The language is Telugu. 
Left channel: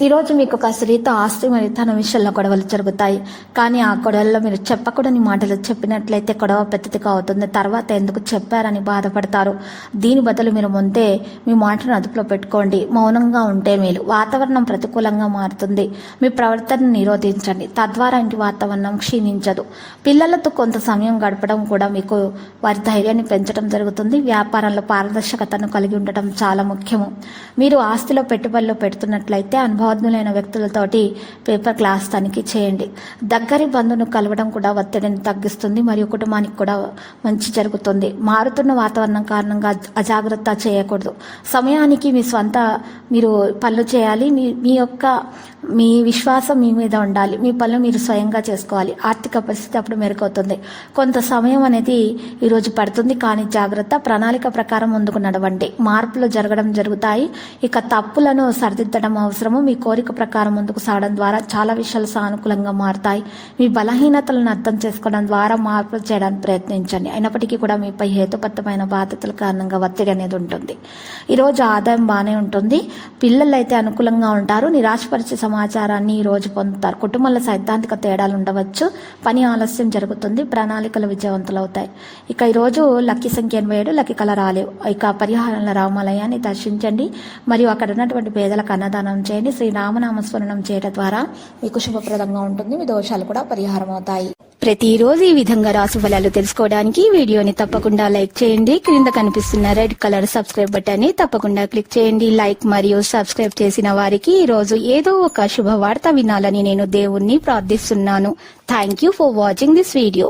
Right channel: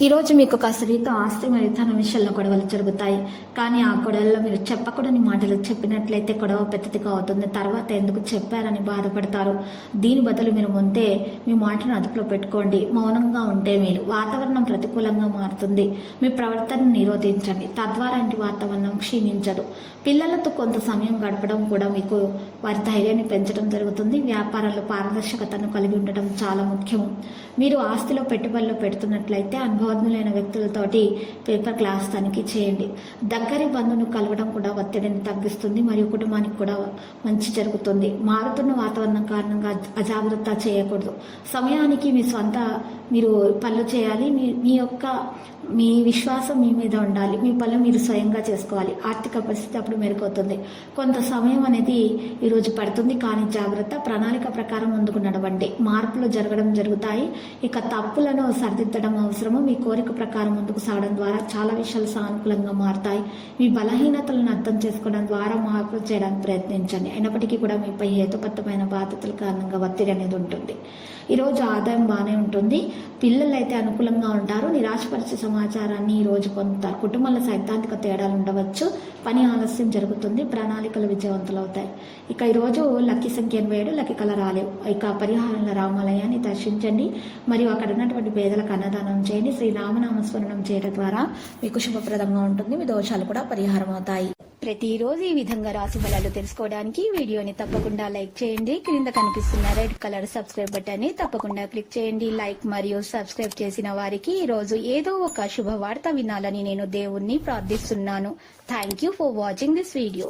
ఈరోజు మీకు ఒక స్త్రీతో ఆస్తి మరియు ధన విషయంలో గొడవలు జరుగుతాయి. కానీ ఆ గొడవల్లో మీరు చెప్పకూడని మాటలు చెప్పినట్లయితే గొడవ పెద్దదిగా అవుతుంది. తర్వాత ఎందుకు చెప్పారని బాధపడతారు. దీని బదులు మీరు ముందే మీ మాటను అదుపులో పెట్టుకోండి. మౌనంగా ఉంటే మేలు. వాతావరణం ప్రతికూలంగా మారుతుంది. మీ ప్రవర్తనను నిరోధించండి. తద్వారా ఇంటి వాతావరణం క్షీణించదు. పిల్లలతో కొంత సమయం గడపడం కూడా మీకు వారి ధైర్యాన్ని పెంచడం జరుగుతుంది. వ్యాపారంలో పారదర్శకతను కలిగి ఉండటం చాలా ముఖ్యము. మీరు ఆస్తిలో పెట్టుబడులు పెడుతున్నట్లయితే అనుభవం అనుభవజ్ఞులైన వ్యక్తులతోటి పేపర్ క్లాస్ తనిఖీ చేయండి. దగ్గరి బంధువును కలవడం కూడా ఒత్తిడిని తగ్గిస్తుంది మరియు కుటుంబానికి కూడా మంచి జరుగుతుంది. మారుతున్న వాతావరణం కారణంగా అజాగ్రత్త చేయకూడదు. సమయానికి మీ స్వంత మీరు పనులు చేయాలి. మీ మీ యొక్క మీ విశ్వాసం మీ మీద ఉండాలి. మీ పనులు మీరు స్వయంగా చేసుకోవాలి. ఆర్థిక పరిస్థితి అప్పుడు మెరుగవుతుంది. కొంత సమయం అనేది ఈరోజు పడుతుంది కానీ జాగ్రత్త ప్రణాళిక ప్రకారం ముందుకు నడవండి. మార్పులు జరగడం జరుగుతాయి. ఇక తప్పులను సరిదిద్దడం అవసరము. మీ కోరిక ప్రకారం ముందుకు సాగడం ద్వారా చాలా విషయాలు సానుకూలంగా మారుతాయి. మీ బలహీనతలను అర్థం చేసుకోవడం ద్వారా మార్పులు చేయడానికి ప్రయత్నించండి. అయినప్పటికీ కూడా మీపై హేతుబద్ధమైన బాధ్యతల కారణంగా ఒత్తిడి అనేది ఉంటుంది. ఈరోజు ఆదాయం బాగానే ఉంటుంది. పిల్లలు అయితే అనుకూలంగా ఉంటారు. నిరాశపరిచే సమాచారాన్ని ఈ రోజు పొందుతారు. కుటుంబంలో సైద్ధాంతిక తేడాలు ఉండవచ్చు. పని ఆలస్యం జరుగుతుంది. ప్రణాళికలు విజయవంతులవుతాయి. ఇక ఈరోజు లక్కీ సంఖ్య ఎనభై ఏడు లక్కీ కళ రాలేవు ఇక పరిహారంలో రామాలయాన్ని దర్శించండి. మరియు అక్కడ ఉన్నటువంటి పేదలకు అన్నదానం చేయండి. శ్రీ రామనామ స్మరణం చేయడం ద్వారా మీకు శుభప్రదంగా ఉంటుంది. మీ దోషాలు కూడా పరిహారం అవుతాయి ప్రతిరోజు ఈ విధంగా రాసు ఫలాలు తెలుసుకోవడానికి వీడియోని తప్పకుండా లైక్ చేయండి. క్రింద కనిపిస్తున్న రెడ్ కలర్ సబ్స్క్రైబ్ బటన్ని తప్పకుండా క్లిక్ చేయండి. లైక్ మరియు సబ్స్క్రైబ్ చేసిన వారికి ఈ రోజు ఏదో ఒక శుభవార్త వినాలని నేను దేవుణ్ణి ప్రార్థిస్తున్నాను. Thank you for watching this video.